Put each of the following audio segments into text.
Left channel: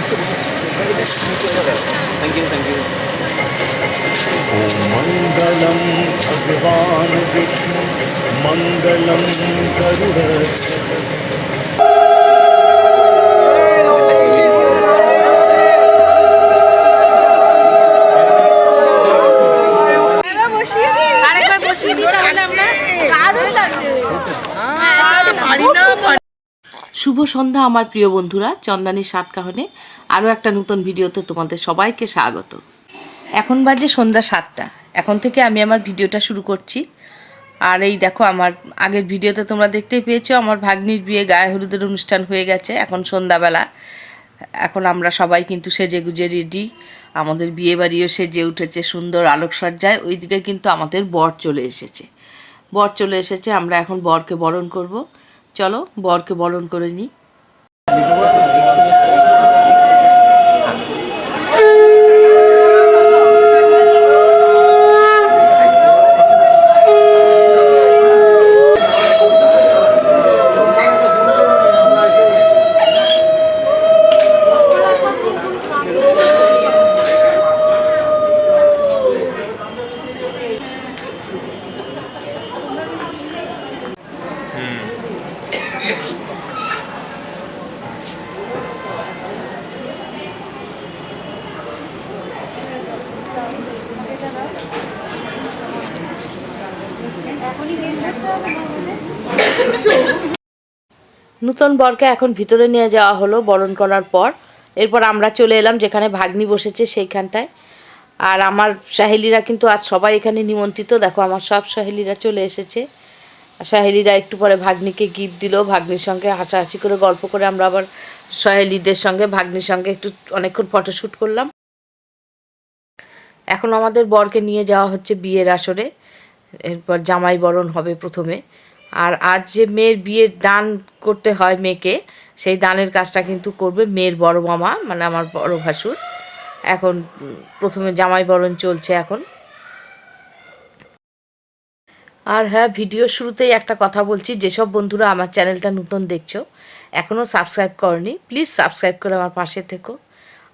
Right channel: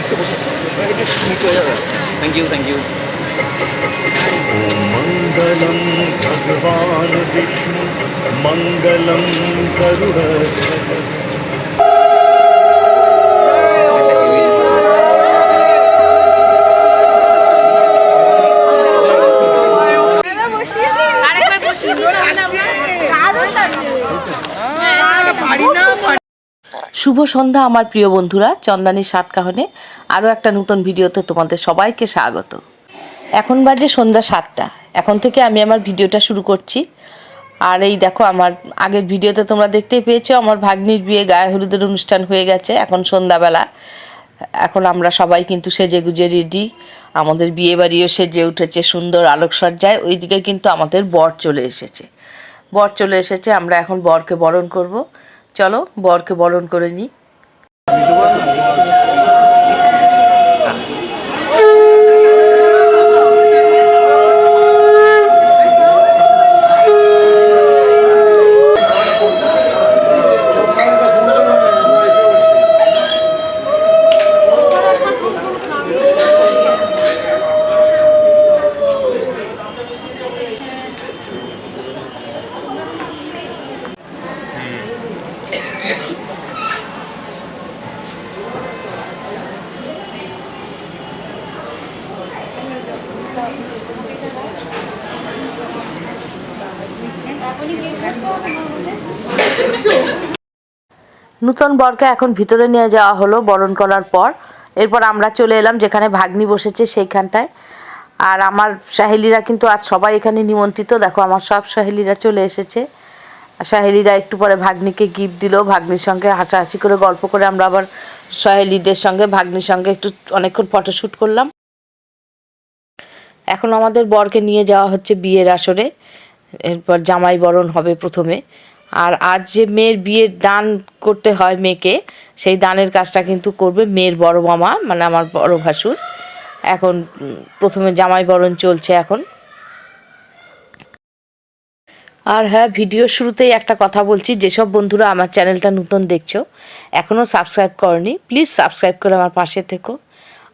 একটু thank you thank you. মঙ্গলম ভগবান বিষ্ণু মঙ্গলম গরুড়ধ্বজ। শুভ সন্ধ্যা আমার প্রিয় বন্ধুরা, চন্দানীর সাতকাহনে আরও একটা নতুন ভিডিওতে তোমাদের সবাইকে স্বাগত। এখন বাজে সন্ধ্যা 7টা। এখন থেকে আমি আমার ভিডিওটা শুরু করছি। আর এই দেখো, আমার আগের ভিডিওতে তোমরা দেখতেই পেয়েছো আমার ভাগ্নির বিয়ে, গায়ে হলুদের অনুষ্ঠান হয়ে গেছে। এখন সন্ধ্যাবেলা, এখন আমরা সবাই কিন্তু সেজে গুজে রেডি। আমাদের বিয়ে বাড়িও সেজে উঠেছে সুন্দর আলোকসজ্জায়। ওইদিকে কিন্তু আমাদের বর চলে এসেছে। আমরা এখন বরকে বরণ করব। চলো বরকে বরণ করে নিই। নূতন বরকে এখন ভিতরে নিয়ে যাওয়া হলো বরণ করার পর। এরপর আমরা চলে এলাম যেখানে ভাগ্নি বসেছে সেইখানটায়। আর আমার সাহেলিরা কিন্তু আজ সবাই এখানে নিমন্ত্রিত। দেখো আমার সব সাহেলিরা চলে এসেছে। সাহেলিরা একটু পরে ভাগ্নিকে গিফট দিল। ভাগ্নির সঙ্গে হাসাহাসি করে গল্প করে আমরা আবার সাহেলিদের সঙ্গে ভাগ্নির সঙ্গে একটু অনেকক্ষণ ফটোশ্যুট করলাম। এখন আমাদের বরকে নিয়ে যাওয়া হচ্ছে বিয়ের আসরে। এরপর জামাই বরণ হবে প্রথমে। আর আজ যে মেয়ের বিয়ের দান করতে হয় মেয়েকে, সেই দানের কাজটা কিন্তু করবে মেয়ের বড় মামা, মানে আমার বড় ভাসুর। এখন প্রথমে জামাই বরণ চলছে এখন। আর হ্যাঁ, ভিডিওর শুরুতেই একটা কথা বলছি, যেসব বন্ধুরা আমার চ্যানেলটা নতুন দেখছো, এখনও সাবস্ক্রাইব করনি, প্লিজ সাবস্ক্রাইব করে আমার পাশে থেকো।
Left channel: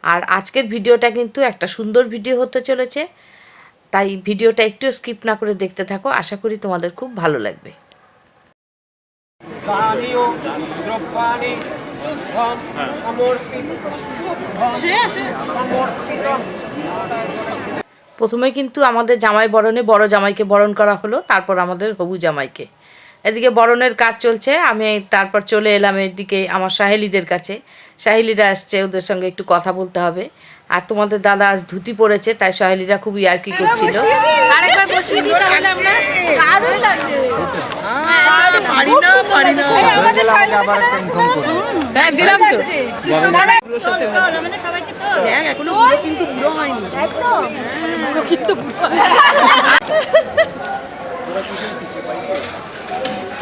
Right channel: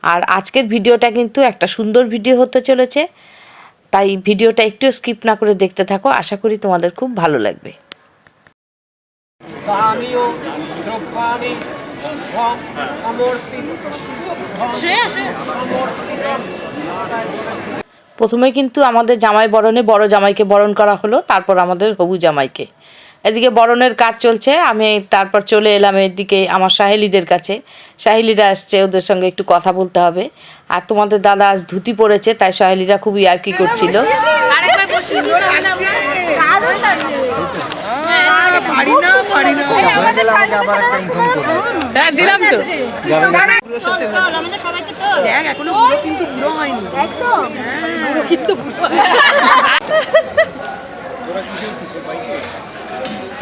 আর আজকের ভিডিওটা কিন্তু একটা সুন্দর ভিডিও হতে চলেছে, তাই ভিডিওটা একটু স্কিপ না করে দেখতে থাকো। আশা করি তোমাদের খুব ভালো লাগবে। প্রথমে কিন্তু আমাদের জামাই বরণে বড় জামাইকে বরণ করা হলো, তারপর আমাদের হবু জামাইকে। এদিকে বরণের কাজ চলছে। আমি তারপর চলে এলাম এদিকে আমার সাহেলিদের কাছে। সাহেলিরা আসছে, ওদের সঙ্গে একটু কথা বলতে হবে। আর তোমাদের দাদা আজ ধুতি পরেছে, তাই সাহেলিরা খুব ইয়ার্কি করছিল।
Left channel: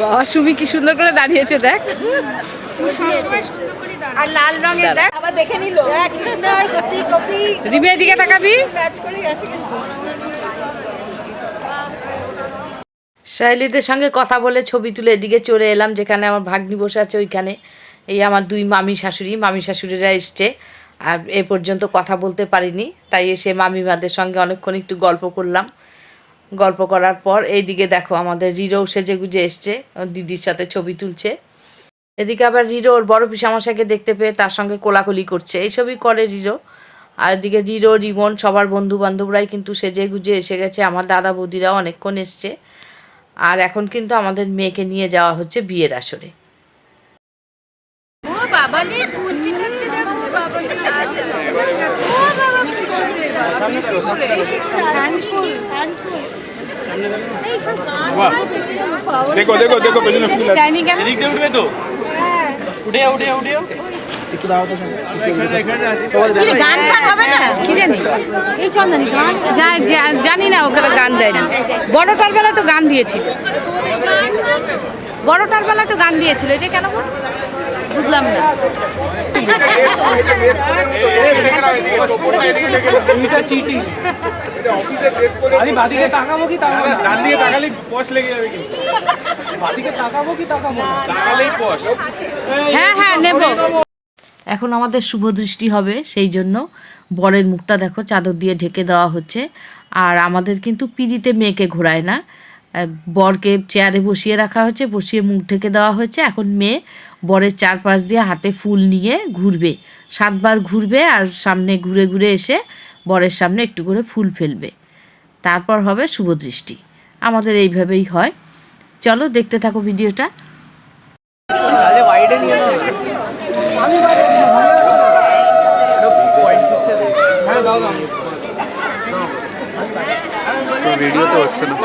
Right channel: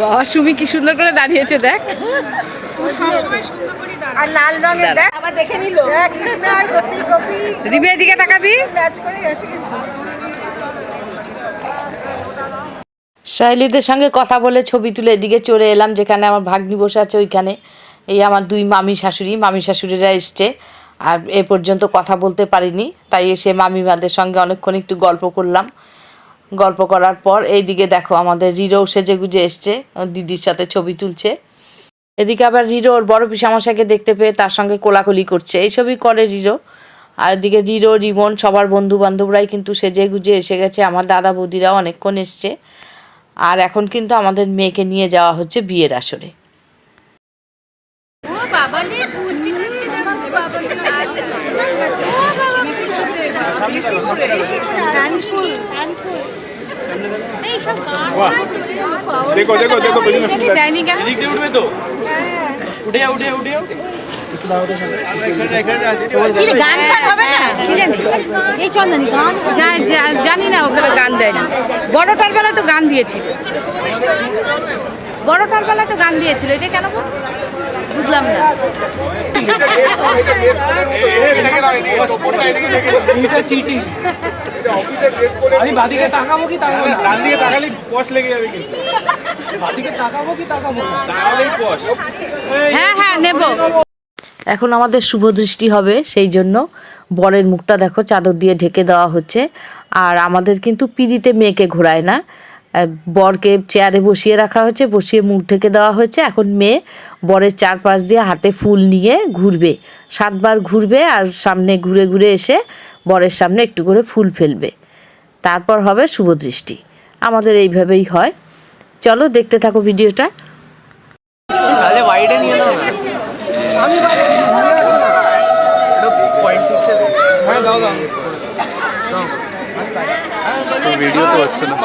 বাবা সুমি কি সুন্দর করে দাঁড়িয়েছে, দেখ। রিমির দিকে তাকাবি। সাহেলিদের সঙ্গে কথা বলে ছবি তুলে এদিকে চলে এলাম যেখানে আমার ভাগ্নি বসে আছে। ওইখানে এই আমার দুই মামি শাশুড়িরা এসছে। আর এ পর্যন্ত কথা বলতে পারিনি, তাই এসে মামিমাদের সঙ্গে অনেকক্ষণ একটু গল্প করলাম। গল্প করার পর এইদিকে দেখো আমাদের রিরো সেজে গুজে এসছে, দিদির সাথে ছবি তুলছে। এদিকে আবার রিরো ওর বড় পিসামশাইকে দেখতে পেয়ে তার সঙ্গে কোলাকুলি করছে, এইসবই করে রিরো। আর এদিকে রিরো, রিমন, সবার বন্ধু বান্ধবরাই কিন্তু সেজে গুজে এসে গেছে। আমার দাদা বৌদিরাও অনেকক্ষণ এসছে। আর এখন কিন্তু আমাদের মেয়েকে নিয়ে যাওয়া হচ্ছে বিয়ের আসরে। জানি না, ওগুলো গান দেয়নি। বড়টার বেলা তো গান দিয়েছিল, এটা কেন বুঝলাম না। বাদিকে তাকাবো কি তাকাবো না? ডান দিকে তাকালে পশ লেগে যাবে কিন্তু। বাদিকে তাকাবো কি তাকাবো না? তাকালেই পশ। হ্যাঁ নেব। এখন আমাদের শুভ দৃষ্টি হবে, সেই জন্য বরের মুখটা দেখো চাদর দিয়ে ঢেকে দেওয়া হচ্ছে। আর আমাদের কিন্তু পিঁড়িতে মেয়েকে ঘোরায় না, বরকে চেয়ারে বসিয়ে রাখা হয়েছে, বসিয়ে মুখ ঢেকে দেওয়া হয়েছে। এখন মেয়ে বরের চারপাশ দিয়ে হাতে ফুল নিয়ে ঘুরবে, 7 বার ঘুরবে আর সামনে ঘুরে ঘুরে এসে বরের সামনে একটু করে ফুল ফেলবে, তারপর হবে শুভ দৃষ্টি। আমাদের এইভাবেই হয়। চলো দেখতে থাকো ভিডিওটা। তো ভিডিও তো হচ্ছে না।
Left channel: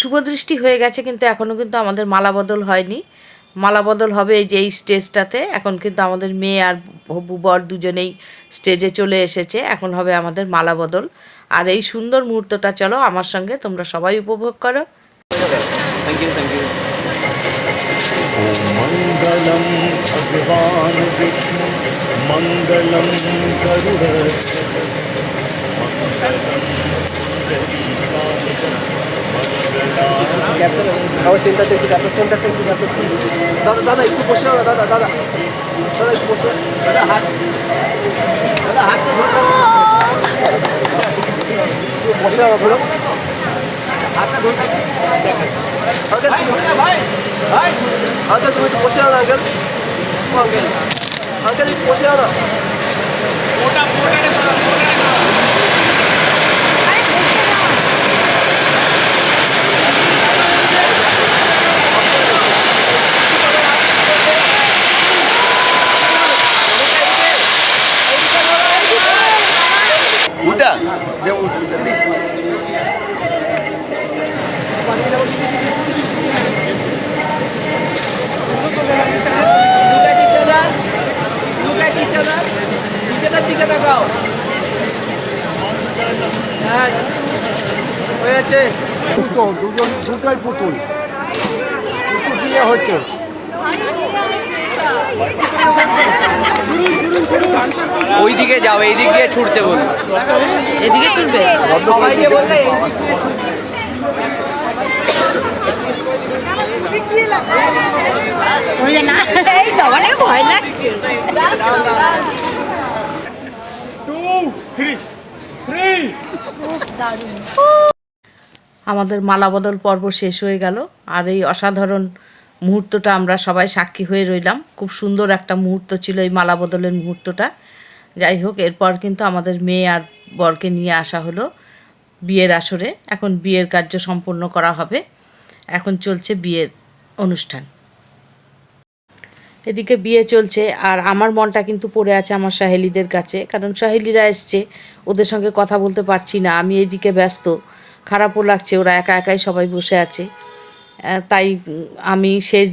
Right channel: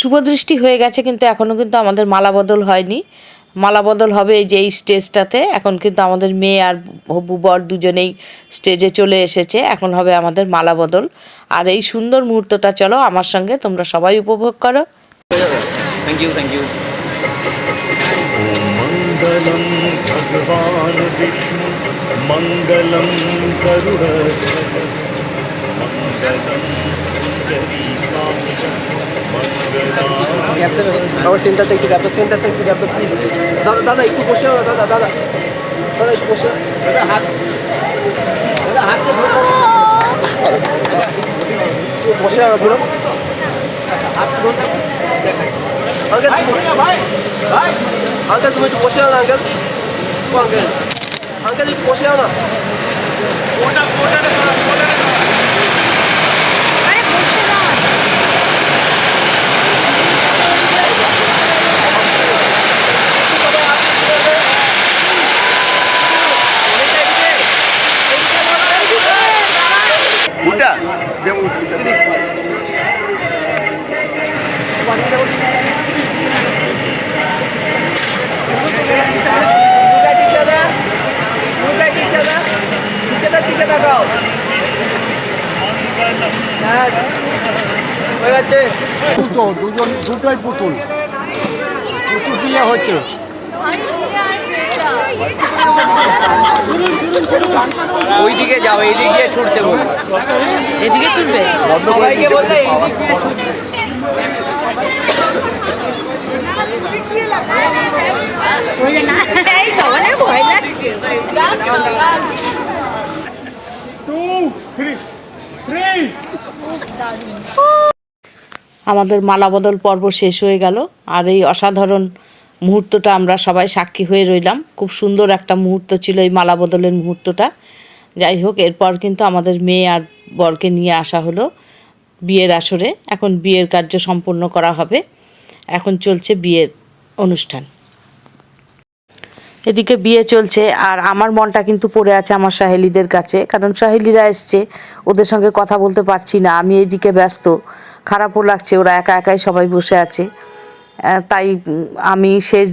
শুভদৃষ্টি হয়ে গেছে, কিন্তু এখনও কিন্তু আমাদের মালা বদল হয়নি। মালা বদল হবে এই যে এই স্টেজটাতে। এখন কিন্তু আমাদের মেয়ে আর হবু বর দুজনেই স্টেজে চলে এসেছে, এখন হবে আমাদের মালা বদল। আর এই সুন্দর মুহূর্তটা চলো আমার সঙ্গে তোমরা সবাই উপভোগ করো। Thank you. ॐ मङ्गलं भगवान् विष्णु मङ्गलं गरुडध्वज मङ्गलं गरीकान्त আবার সেন্টারটা একটু যাবো, সেন্টারটা একটু যাবো প্লিজ। দাদা দাদা একটু বসে দাদা দাদা দাদা একটু বসে দাদা হাতটা বসে আচ্ছা হাতটা ধরতে দেখা ভাই ভাই হালকা তুমি একটু বসে আনো আগে হালকা একটু বসে আনো। উটা যেমন দুটোই পুতুল দিয়ে হচ্ছে। ওইদিকে যাও, এইদিক দিয়ে ছুটতে বলবো। এদিকে ছুটবে, সবাইকে বললে এইদিক দিয়ে ছুটবে। আমাদের মালা বদল পর্ব শেষ হয়ে গেল। আর এই অসাধারণ মুহূর্তটা আমরা সবাই সাক্ষী হয়ে রইলাম। খুব সুন্দর একটা মুহূর্ত ছিল এই মালা বদলের মুহূর্তটা। যাই হোক, এরপর কিন্তু আমাদের মেয়ে আর বরকে নিয়ে আসা হলো বিয়ের আসরে। এখন বিয়ের কার্য সম্পন্ন করা হবে, এখন চলছে বিয়ের অনুষ্ঠান। এদিকে বিয়ে চলছে আর আমার মনটা কিন্তু পড়ে আছে আমার সাহেলিদের কাছে, কারণ সাহেলিরা এসছে, ওদের সঙ্গে কথা বলতে পারছি না। আমি এইদিকে ব্যস্ত, খারাপও লাগছে, ওরা একা একাই সবাই বসে আছে। তাই আমি শেষ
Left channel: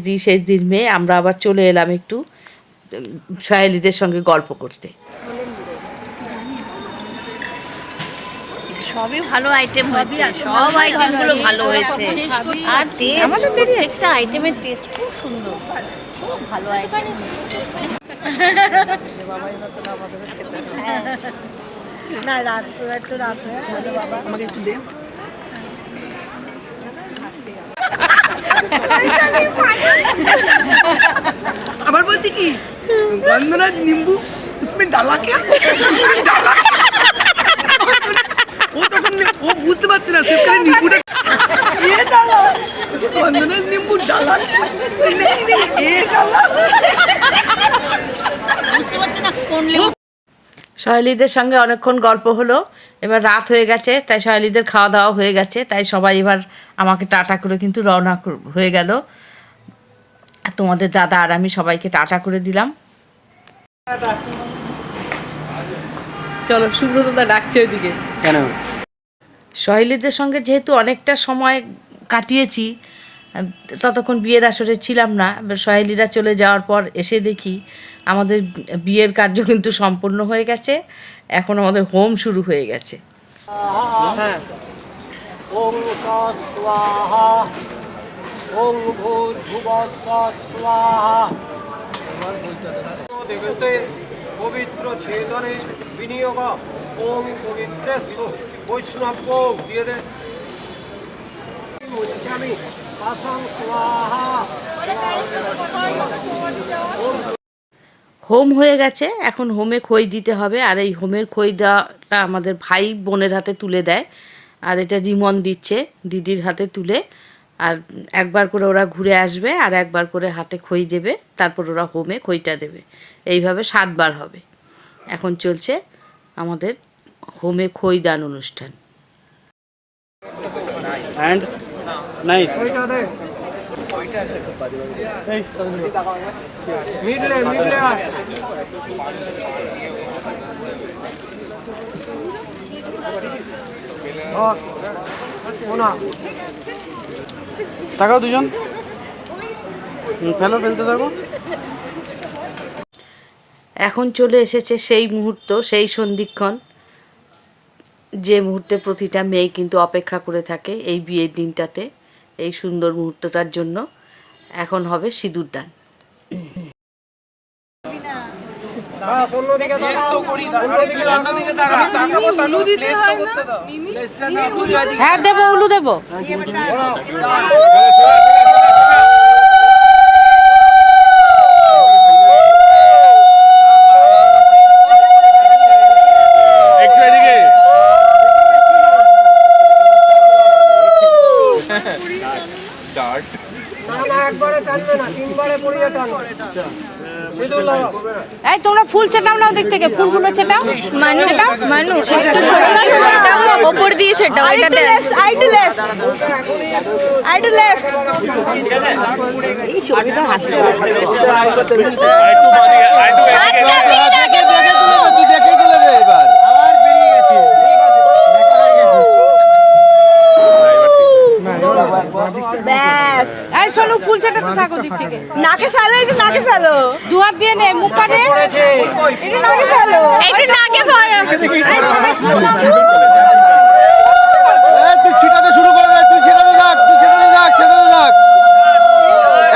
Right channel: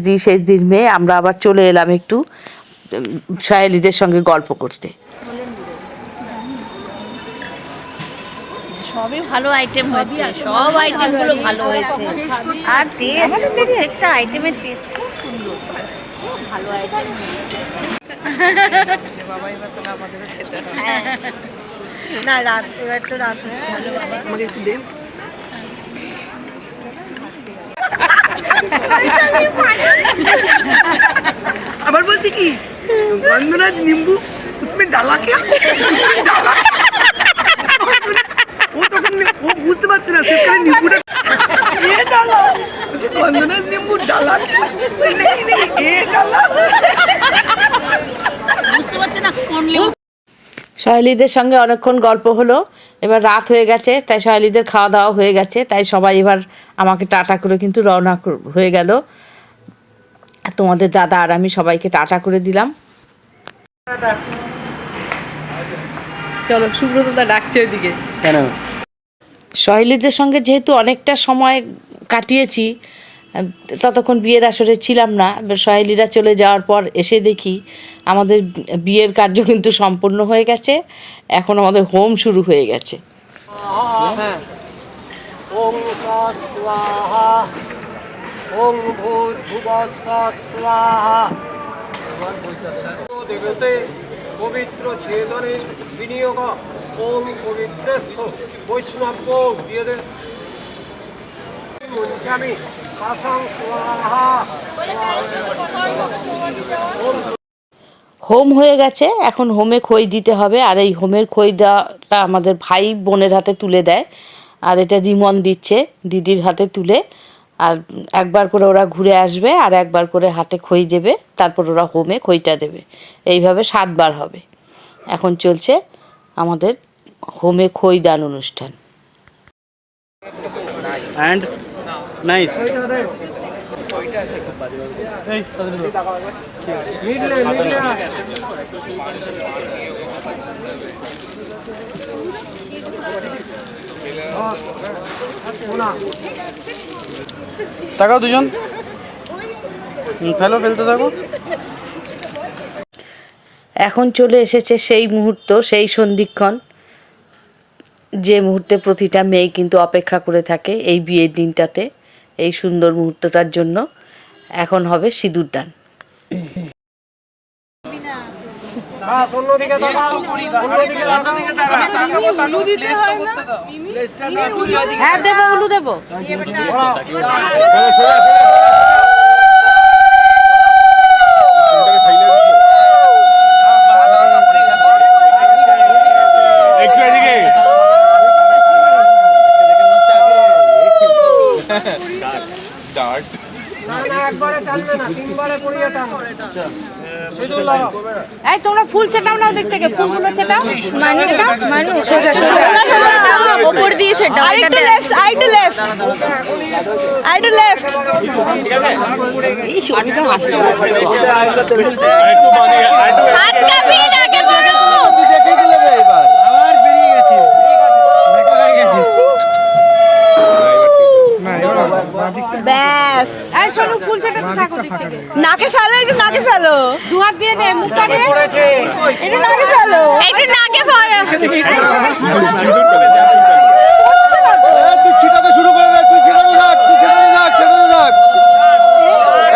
দিন মেয়ে আমরা আবার চলে এলাম একটু সাহেলিদের সঙ্গে গল্প করতে। সবই ভালো আইটেম হয়েছে, সব আইটেমগুলো ভালো হয়েছে। আর টেস্ট, প্রত্যেকটা আইটেমের টেস্ট খুব সুন্দর, খুব ভালো আইটেম। না রাত, এবার তো রাত হচ্ছে। ভালো বাবা, আমাকে একটু দে। আবার বলছি কি গন্ধরাজ নিম্বু उसमें डाला क्या, उसमें डाला क्या? ও তখন ও বুঝতে পারছে না, শেষ করে নিম্বুটা এ ডালা, বলছি গন্ধরাজ নিম্বু ডালা क्या, नहीं नहीं এ ডালা, বুঝতে পারছে না কোন সহেলিদের সঙ্গে অনেকক্ষণ গল্প হলো, এবার রাত হয়ে গেছে, তাই সহেলিদের খাওয়া দাওয়া হয়ে গেছে, তাই সবাই এবার আমাকে টাটা করে কিন্তু রওনা হয়ে গেল। তোমাদের দাদা আর আমি সবাইকে টাটা করে দিলাম। চলো, সুব্রতদা ডাকছে ওইদিকে। কেন? সহেলিদের সঙ্গে যেহেতু অনেকটা সময় কাটিয়েছি, ততক্ষণ বিয়ের আসরে ছিলাম না, এবার সহেলিরা চলে যাওয়ার পর এসে দেখি আমাদের বিয়ের কার্য কিন্তু সম্পূর্ণ হয়ে গেছে। এখন আমাদের হোম শুরু হয়ে গেছে। ওং স্বাহা ওং ভূর্ভুবঃ স্বাহা। দেবতে পবিত্র ছেদনে বিনিয়োগ ওং পবিত্রস্থ বৈষ্ণব দিয়ে দে মুঞ্চামি পাশং স্বাহা। হোম হয়ে গেছে, এখন হোমে খই দিতে হবে। আর এই হোমের খই দেওয়াটা আমাদের ভাই বোনের হাতে তুলে দেয়, আর এটা রিমন দিচ্ছে দিদির হাতে তুলে। আর একবার করে ওরা ঘুরে আসবে আর একবার করে হাতে খই দেবে, তারপর ওরা হোমে খইটা দেবে। এইভাবে 7 বার হবে। এখন চলছে আমাদের হোমে খই দান অনুষ্ঠান। And nice. তাকাও দুজন, ফেলতে থাকো। এখন চলে এসেছে সেই মুহূর্ত, সেই সন্ধিক্ষণ, যে মুহূর্তে প্রতিটা মেয়ে কিন্তু অপেক্ষা করে থাকে এই বিয়ের দিনটাতে, এই সুন্দর মুহূর্তটার জন্য। এখন হবে সিঁদুর দান। হ্যাঁ দেবো, উলু দেবো। একবারে টানবে না, 3 বারে পড়িয়ে টানবে। এই তোমরা ফুল ছেটাও না, দিক থেকে ফুলগুলো ছেটাও। মানু ওপর দিয়ে ছেটাও। এটা দেখ, সাইড লেফট, সাইড লেফট। এই সুবিধা আছে। হাত কাঁপিয়ে আগে বড় তুই দেখে দিলে রে। এবার আবার বেরিয়ে গেছে, দেখা হয়ে গেছে। না এবার ব্যাস। এই শোনো, ফুল ছেটাতে থাকো দিক থেকে। নাকে ফেলো, একটু নাকে ফেলো। দু হাত দিয়ে নে, মুখটা নে। একটু নাকে ফেলো, একটু নাকে ফেলো। তুই ছিটাতে শুরু করে দে, তুই ছেটাতে থাক, তুই ছেটাতে থাক, ছেটাতে থাক,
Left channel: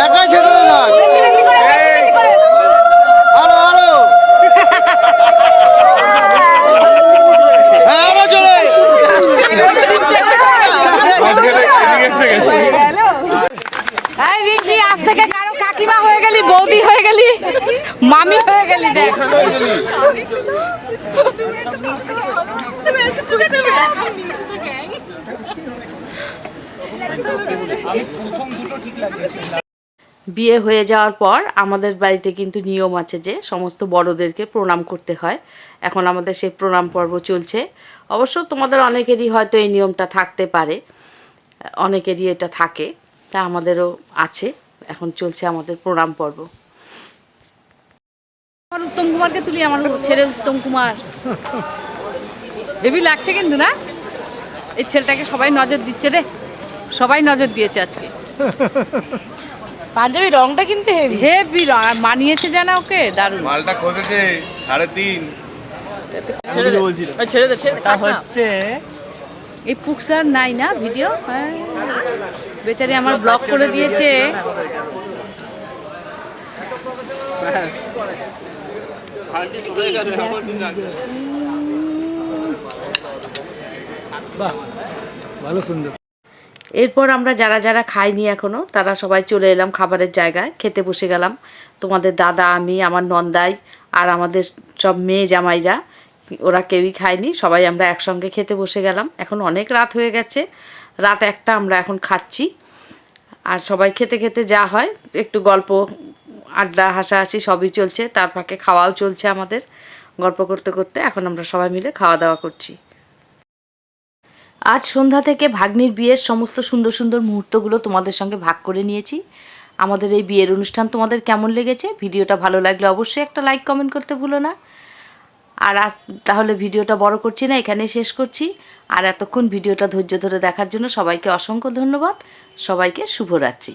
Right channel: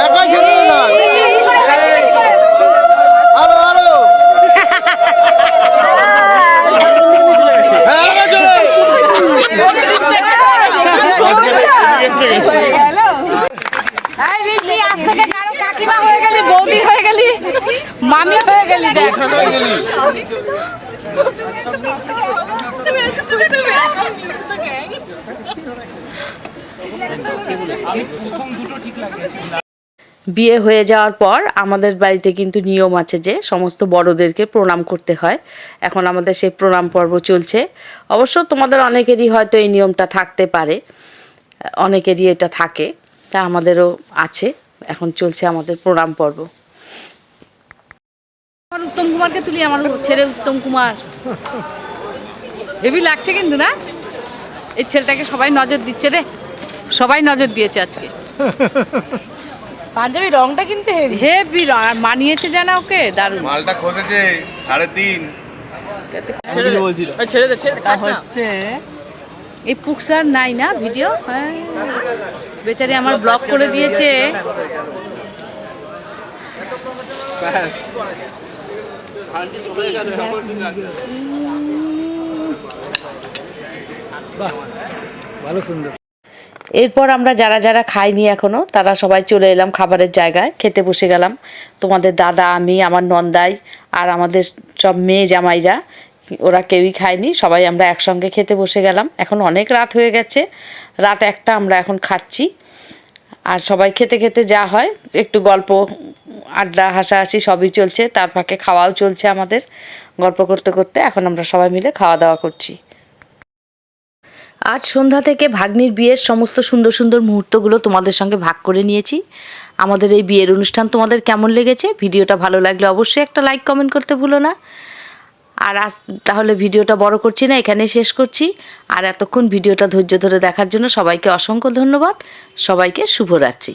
একই ছেটাতে থাক। বেশি বেশি করে, বেশি বেশি করে। আরো আরো, হ্যাঁ আরো জোরে। এই রিঙ্কি, আজ থেকে কাকিমা হয়ে গেলি, বৌদি হয়ে গেলি, মামি হয়ে গেলি। দেখ বিয়ে হয়ে যাওয়ার পর আমাদের বাড়িতে কিন্তু নিয়ম আছে যে সমস্ত বড়দেরকে প্রণাম করতে হয়। এখন আমাদের সেই প্রণাম পর্ব চলছে। অবশ্য তোমাদের অনেকেরই হয়তো এই নিয়মটা থাকতে পারে, অনেকেরই এটা থাকে, তা আমাদেরও আছে। এখন চলছে আমাদের প্রণাম পর্ব। উত্তম কুমারকে তুলি, আমার ছেলে উত্তম কুমার হেভি লাগছে কিন্তু না? এই ছেলেটাকে সবাই নজর দিচ্ছে রে, সবাই নজর দিয়েছে আজকে। পাঞ্জাবি রংটা কিন্তু হেভি রং, আর মানিয়েছে জানা ওকে, দারুণ। মালটা খোঁজেছে 3.5। এই পুকসার নাই না ভিডিও, হ্যাঁ বেচারি আমার ব্লক করে দিয়েছে। ভালো সুন্দর। এরপর আমরা যারা যারা খাইনি এখনো, তারা সবাই চলে এলাম খাবারের জায়গায়, খেতে বসে গেলাম। তোমাদের দাদা, আমি, আমার নন্দাই আর আমাদের সব মেয়ে জামাইরা, ওরা কেউই খায়নি, সবাই আমরা একসঙ্গে খেতে বসে গেলাম। এখন অনেক রাত হয়ে গেছে, রাত 1টা, আমরা এখন খাচ্ছি। আর সবাই খেতে খেতে যা হয়, একটু গল্প আড্ডা হাসাহাসি সবই চলছে, তার ফাঁকে খাওয়াও চলছে আমাদের। গল্প করতে করতে এখন আমরা সবাই মিলে খাওয়া দাওয়া করছি। আজ সন্ধ্যা থেকে ভাগ্নির বিয়ের সমস্ত সুন্দর সুন্দর মুহূর্তগুলো তোমাদের সঙ্গে ভাগ করে নিয়েছি। আমাদের এই বিয়ের অনুষ্ঠান তোমাদের কেমন লেগেছে? ভিডিওটা ভালো লাগলে অবশ্যই একটা লাইক কমেন্ট করতে ভুলো না। আর আজ তাহলে ভিডিওটা বড় করছি না, এখানেই শেষ করছি। আর এতক্ষণ ভিডিওটা ধৈর্য ধরে দেখার জন্য সবাইকে অসংখ্য ধন্যবাদ। সবাইকে শুভরাত্রি।